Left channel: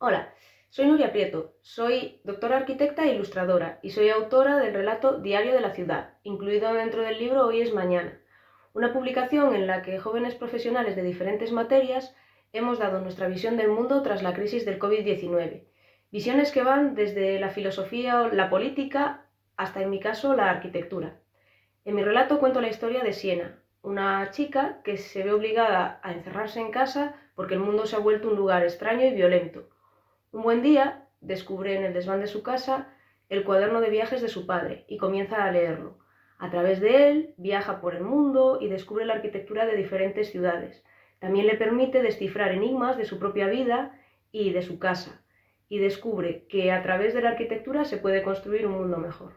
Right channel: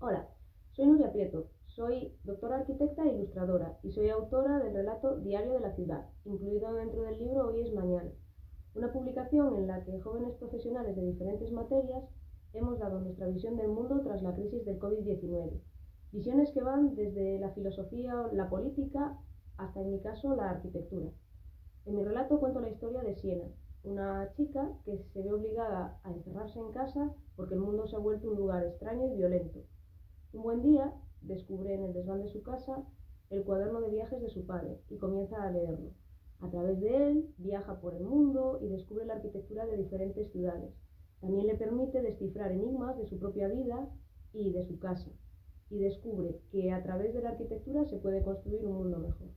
Hola, soy Nuria Prieto, soy doctora arquitecta e ilustradora y soy autora del relato Diario de la Ciudad, incluido dentro del libro Hoy es Mañana, una publicación en la que jóvenes profesionales de diferentes materias hemos dado nuestra visión del mundo tras la crisis del COVID-19. Visiones que van desde la filosofía o la política hasta, en mi caso, la arquitectura. En mi relato cuento la historia de Siena, una chica que se ve obligada a encerrarse en casa porque el mundo se ha vuelto un lugar extraño y violento. Un buen día descubre en el desván de su casa el cuaderno de viajes de su padre y comienza a leerlo. A través de él viaja por el mundo y descubre la arquitectura de diferentes ciudades. También le permite descifrar enigmas de su propia vida y de su casa, y descubre que a través de la arquitectura se puede construir un mundo mejor.